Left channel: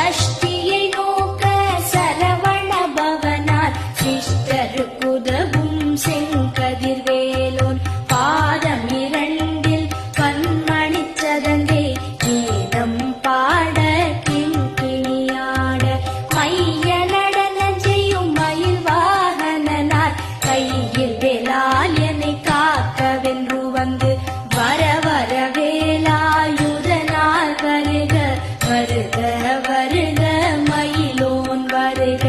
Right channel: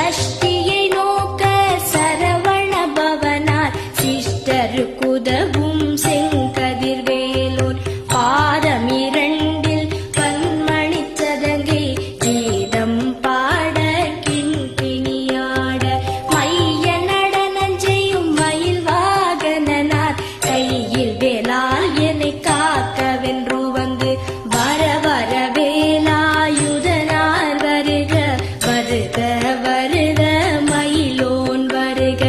சஷ்டியை நோக்க சரவண பவனார் சிஷ்டருக்குதவும் செங்கதிர்வேலோன் பாதமிரண்டில் பன்மணி சதங்கை கீதம் பாட கிங்கிணியாட மைய நடன செய்யும் மயில் வாகனனார் கையில் வேலால் என்னை காக்கவென்று வந்து வர வர வேலாயுதனார் வருக வருக வருக மயிலோன் வருக